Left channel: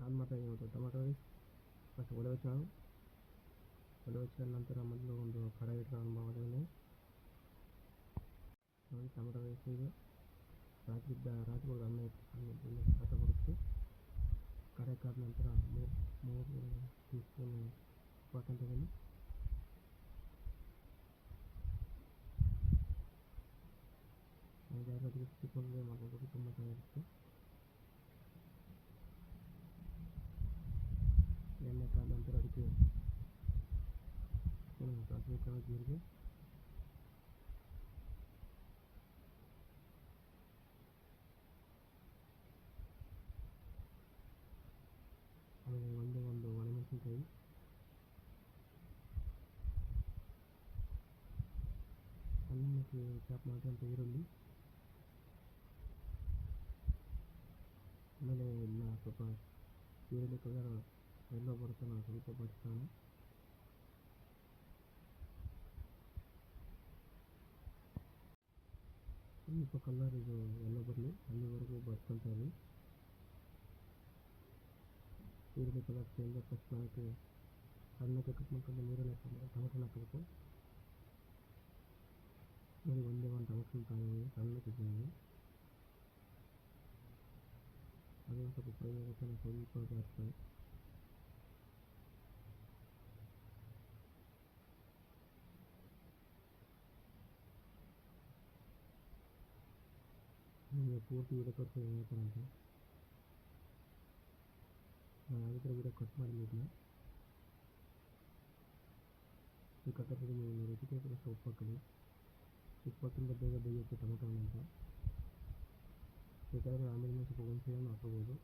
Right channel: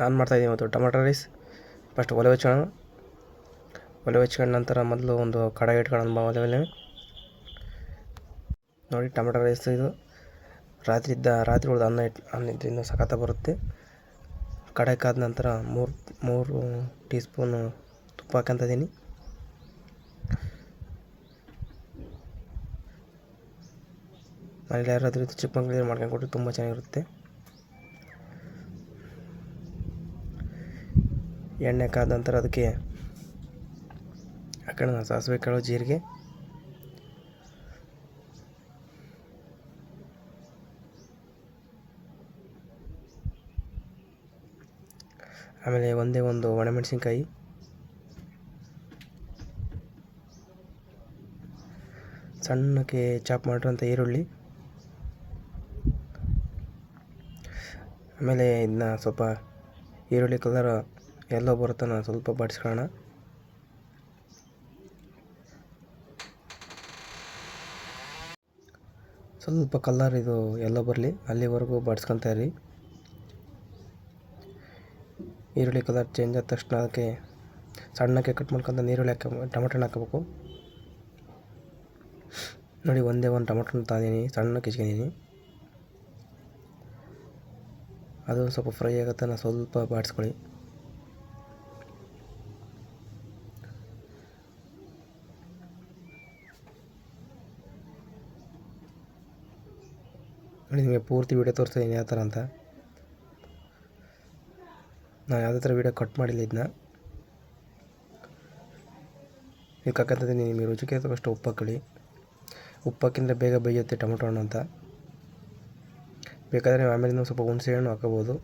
ನಾನು ಮಾಡ್ತಾಯಿದ್ದೀನಿ ಇವತ್ತು ಟೊಮೆಟೊ ರೈಸ್. ಫಸ್ಟ್ ಒಲೆ ಹಚ್ಕೊಳ್ಳೋಣ. ಒಲೆ ಹಚ್ಕೊಂಡ ನಂತರ ಮೊದಲು ಒಂದು ಕಡಾಯಿ ಇಟ್ಕೊಳ್ಳೋಣ ಒಲೆ ಮೇಲೆ. ನೋಡಿ ಟೊಮೆಟೊ ರೈಸ್ ಇದು. ರಾತ್ರಿ ಇದ್ದ ರಾತ್ರಿ ಉಳ್ದ ಅನ್ನ ಇಟ್ಟು ಅನ್ನ ಇನ್ನೂ ಸಖತ್ತ ಬರುತ್ತೆ. ಕಡಾಯಿ ಕಾದ ನಂತರ ಮೂರು ಮೂರು ಟೀ ಸ್ಪೂನು ತುಪ್ಪ ಹಾಕಂತಿದ್ದೀನಿ ಮನೇಲಿ ಯಾರಾದರೂ ಚಿಕ್ಕಮಂಗ್ಳೂರು ಮಾಡ್ಕೊಂಡು ಕೊಟ್ಟರೆ ತುಂಬ ಚೆನ್ನಾಗಿರುತ್ತೆ. ಎಣ್ಣೆ ಕಾದ ನಂತರ ಅದಕ್ಕೆ ಹಾಕೋಣ ಸಾಸಿವೆ ಕಾಳು, ಜೀರಿಗೆ. ಆಮೇಲೆ ಒಂದೇ ಒಂದು ಒಣಮೆಣಸಿನ್ಕಾಯಿ. ಸಣ್ಣಕ್ಕೆ ಚಾಪ್ ಮಾಡಿರೋಂಥ ಈರುಳ್ಳಿ. ಆಮೇಲೆ ಇದನ್ನ ಸ್ವಲ್ಪ ಈರುಳ್ಳಿ ಕಲರ್ ಎಲ್ಲೋ ನಾನು ಸ್ವಲ್ಪ ಬಡಿಸ್ಕೊಳ್ಳೋಣ. ಸ್ವಲ್ಪ ಕಲ್ಲರ್ ಇದು ಎಲ್ಲೋ ಬರಲಿ, ಅಲ್ಲಿವರೆಗೂ ಬಾಡಿಸ್ಕೊತಾ ಇರಿ. ಈರುಳ್ಳಿ ಕಲರ್ ಚೇಂಜ್ ಆದ ತಕ್ಷಣ ಅದಕ್ಕೆ ಸಣ್ಣಕ್ಕೆ ಕಟ್ ಮಾಡ್ಕೊಂತ ನೀರುಳ್ಳಿ ಹಾಕ, ಟೊಮೆಟೊನ ಹಾಕಬೇಕು. ನೋಡಿ, ಒಂದೇ ಒಂದು ಟೊಮೆಟೊನ ತಂದೀನಿ ಸಣ್ಣಕ್ಕೆ ಹೆಚ್ಕೊಂಡಿದ್ದೀನಿ ಅದು ಸ್ವಲ್ಪ ಫ್ರೈ ಆಗುತ್ತೆ, ನಾನು ಸ್ವಲ್ಪ ಬಾಡಿಸ್ಕೊಳ್ಳಿ. ನಿಮಗೆ ಪೂರ್ತಿ ವೀಡಿಯೋ ತೋರಿಸ್ತೀನಿ ಯಾವ ಥರ ಅಂತ. ನಾನು ಯಾವುದೇ ಥರ ವೀಡಿಯೋ ಕಟ್ ಮಾಡಿಲ್ಲ ಇದನ್ನ ಇದಕ್ಕೆ ನಿಮಗೆ ರುಚಿಗೆ ತಕ್ಕಷ್ಟು ಉಪ್ಪು ಹಾಕೊಳ್ಳಿ. ಉಪ್ಪು ಬೇಗ ಬೇಯುತ್ತೆ ಟೊಮೊಟೊ ಹಣ್ಣು ಅಂತ. ಬೇಕಾದರೆ ಆಮೇಲೆ ಆಮೇಲಿಂದ ಸ್ವಲ್ಪ ಹುಣಸೆ ಹಣ್ಣು ಹಾಕೋಬೋದು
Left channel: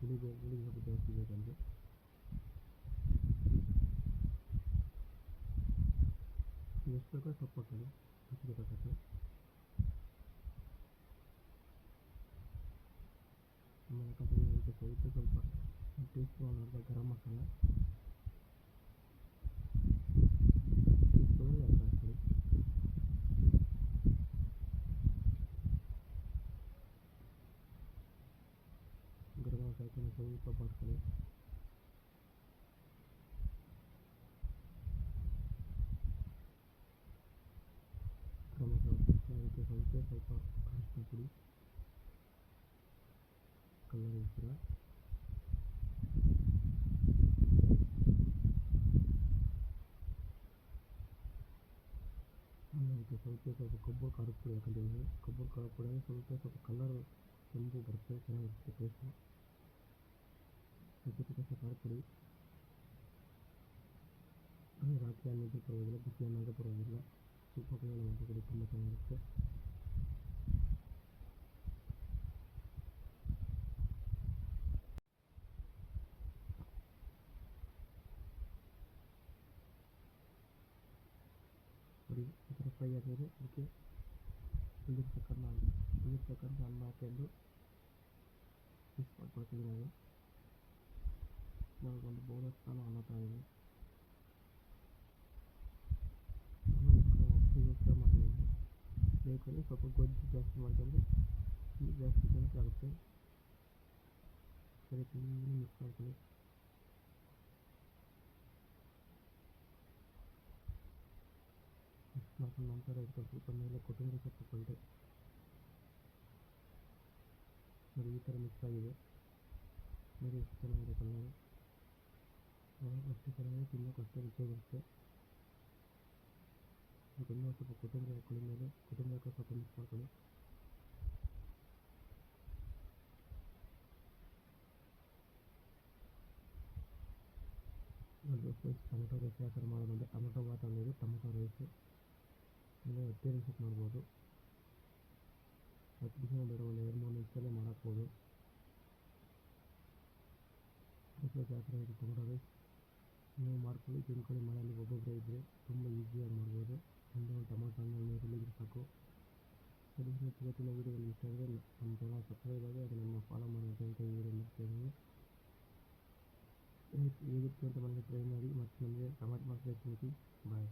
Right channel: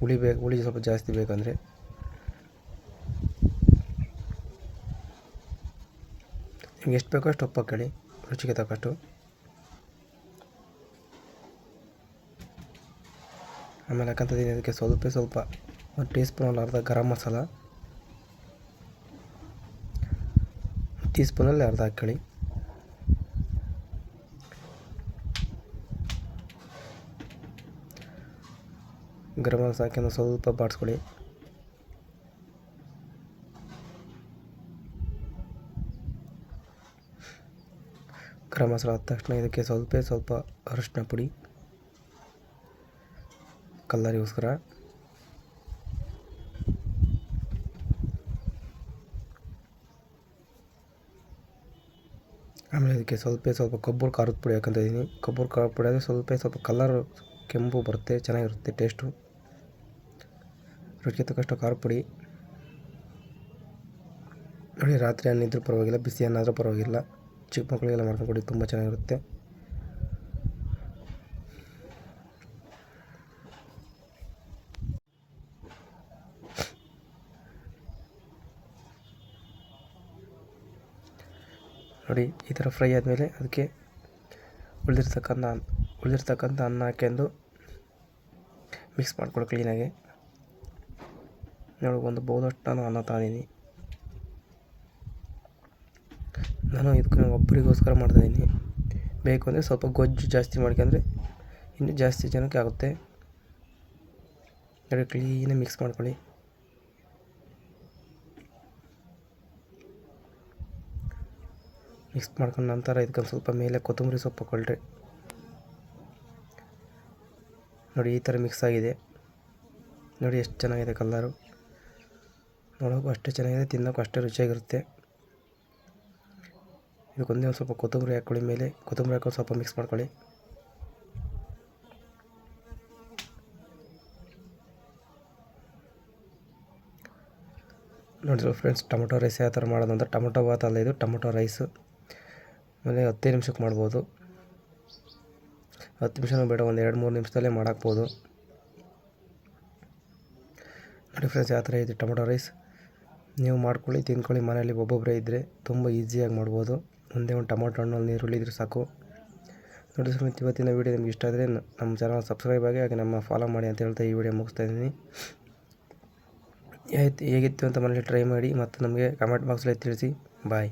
ಹುಳಿ ಬೇಕು ಹುಳಿ ಸ್ವಲ್ಪ ಜಾಸ್ತಿ ಬೇಕಂದರೆ. ನಿಮ್ಗೆ ಎಷ್ಟು ಬೇಕೋ ಅಷ್ಟು ಉಪ್ಪು ಹಾಕೊಳ್ಳಿ, ರುಚಿಗೆ ತಕ್ಕಷ್ಟು. ಆಮೇಲೆ ಹಾಕಂತಿದ್ದೀನಿ ಅದಕ್ಕೆ ಸ್ವಲ್ಪ ಸ್ವಲ್ಪ ಒಂದು ಟೀ ಸ್ಪೂನಲ್ಲಿ ಅರ್ಧ ಗರಂ ಮಸಾಲ ಟೀ ಸ್ಪೂನಲ್ಲಿ ಅರ್ಧ ಹಾಕ್ಕೊಳ್ಳಿ ಗರಂ ಮಸಾಲ ಹಾಕಿ ಸ್ವಲ್ಪ ಬಾಡಿಸ್ಕೊಳ್ಳಿ. ಗರಂ ಮಸಾಲ ಆದ ತಕ್ಷಣ ಇದಕ್ಕೆ ಸ್ವಲ್ಪ ಸ್ವಲ್ಪ ಅರಿಶಿನ ಪುಡಿ. ಕಲ್ಲರಿಗೋಸ್ಕರ. ಆಮೇಲೆ ಇದಕ್ಕೆ ಸ್ವಲ್ಪ ಸ್ವಲ್ಪ ಕೊಬ್ಬರಿ ಖಾರದ ಪುಡಿ ಹಾಕೊಂತ ಇದ್ದೀನಿ ಕೊಬ್ಬರಿ ಖಾರದ ಪುಡಿ ಆದರೆ ಸ್ವಲ್ಪ ಸ್ವಲ್ಪ ಕಲರ್ ಕೆಂಪು ಬರುತ್ತೆ, ಚೆನ್ನಾಗಿರುತ್ತೆ ಟೇಸ್ಟು. ರುಚಿಗೆ ತಕ್ಕಷ್ಟು ಖಾರ ಪುಡಿ. ನೋಡಿ, ರಾತ್ರಿ ಅನ್ನಿದ್ರೂ ಪರವಾಗಿಲ್ಲ ಬಿಸಿ ಅನ್ನಾದರೂ ಪರವಾಗಿಲ್ಲ. ಚಿಕ್ಕ ಮಕ್ಕಳಿಗೆಲ್ಲ ಮಾಡ್ಕೊಂಡು ಕೊಡಿ ತುಂಬ ಚೆನ್ನಾಗಿರುತ್ತೆ. ನೋಡಿ, ಈ ಥರ ಫ್ರೈ ಆದಮೇಲೆ ಅದಕ್ಕೆ ಉಳಿದಿರ್ತಕ್ಕಂಥ ಉಳಿದಿರ್ತಕ್ಕಂಥ ಅನ್ನ ಹಾಕ್ಯಂಡು ಮಿಕ್ಸ್ ಮಾಡ್ಕೊಳ್ಳಿ ಕ್ಲೀನಾಗಿ ನೋಡಿ, ಒಂದು ಬಹುದಷ್ಟು ನಾನು ಅನ್ನ ತಗೊಂಡಿನಿ ನಾನು ಇದಕ್ಕೆ ಒಬ್ಬರಿಗೋಸ್ಕರ ಮಾಡ್ತಾಯಿದ್ದೀನಿ ಬೇಕು ಅಂದರೆ ಸ್ವಲ್ಪ ಗೊಜ್ಜು ಜಾಸ್ತಿ ಮಾಡ್ಕೊಂಡ್ರೆ ಇನ್ನೂ ಜಾಸ್ತಿ ಜನಕ್ಕೆ ಆಗುತ್ತೆ. ನೋಡಿ ಕ್ಲೀನಾಗಿ ಮಿಕ್ಸ್ ಮಾಡ್ಕೊಳ್ಳಿ. ಮಿಕ್ಸ್ ಮಾಡ್ಕೊಂಡ ನಂತರ ಇದಕ್ಕೆ ಸ್ವಲ್ಪ ಮೇಲೆ ಕೊತ್ತಂಬರಿ ಸೊಪ್ಪು ಕೊಳ್ಳ್ರಿ ನೋಡಿ, ಈ ಥರ ಮಿಕ್ಸ್ ಆಗಿದೆ. ನೋಡಿ, ಎಷ್ಟು ಚೆನ್ನಾಗಿದೆ ಕಲ್ಲರು ನೋಡೋಕ್ಕೂ ಅಷ್ಟೇ ಚೆನ್ನಾಗಿದೆ ತಿನ್ನೋಕ್ಕೂ ಅಷ್ಟೇ ರುಚಿಯಾಗಿರುತ್ತೆ. ಇದಕ್ಕೊಂದೇ ಒಂದು ಸ್ವಲ್ಪ ಕೊತ್ತಂಬರಿ ಹಾಕ್ಕೊಳ್ಳಿ ಮೇಲೆ. ಕೊತ್ತಂಬರಿ ಹಾಕೊಂಡು ಸ್ವಲ್ಪ ಮಿಕ್ಸ್ ಮಾಡ್ಕೊಳ್ಳಿ. ನೋಡಿದ್ರು ಫ್ರೆಂಡ್ಸ್ ಟೊಮೊಟೊ ರೈಸ್ ಯಾವ ಥರ ಮಾಡೋದು ಅಂದರೆ ಟೊಮೊಟೊ ಬಾತ್ ಅಲ್ಲ ಇದು, ಟೊಮೊಟೊ ರೈಸು ಆಮೇಲೆ ಹತ್ತೇ ನಿಮಿಷಕ್ಕೆ ಮಾಡ್ಬೋದು. ಹತ್ತು ನಿಮಿಷನೂ ಬೇಡ, ಒಂದು ಎರಡು ಮೂರು ನಿಮಿಷದಲ್ಲೇ ಮಾಡಾಕ್ಬೋದು. ನೋಡಿ ಫ್ರೆಂಡ್ಸ್ ಯಾವ ಥರ ಇದೆ ಟೊಮೊಟೊ ರೈಸ್. ನೀವು ಮಾಡ್ಕೊಳ್ಳಿ, ತಿನ್ಕೊಳ್ಳಿ, ಮನೆಯಲ್ಲಿ ಒಬ್ಬೊಬ್ಬರೇ ಇದ್ದರೆ ತುಂಬ ಈಸಿಯಾಗಿ ಮಾಡ್ಬೋದು. ಒಂದೇ ಒಂದು ಟೊಮೊಟೊ ಹಣ್ಣು ನೀರುಳ್ಳಿ ಇದ್ರೆ ಸಾಕು. ನೋಡಿ ಸ್ನೇಹಿತರೆ ಇವತ್ತಿನ ವೀಡಿಯೋ ನಿಮ್ಗೆ ಇಷ್ಟ ಆದರೆ ನಮ್ಮ ಚಾನಲ್ ಸಬ್ಸ್ಕ್ರೈಬ್ ಆಗಿ, ಹಾಗೆ ನಮ್ಮ ಫಾಲೋ ಮಾಡಿ ಅಂತ ಹೇಳ್ತಾ ಈ ವಿಡಿಯೋ ಮುಗಿಸ್ತಾ ಇದ್ದೀನಿ. ಹೇಗಿತ್ತು ಅಂತ ಮನೇಲಿ ಟ್ರೈ ಮಾಡಿ ಮತ್ತು ನಮಗೆ ಕಮೆಂಟ್ ಬಾಕ್ಸಲ್ಲಿ ತಿಳಿಸಿ. ಬಾಯ್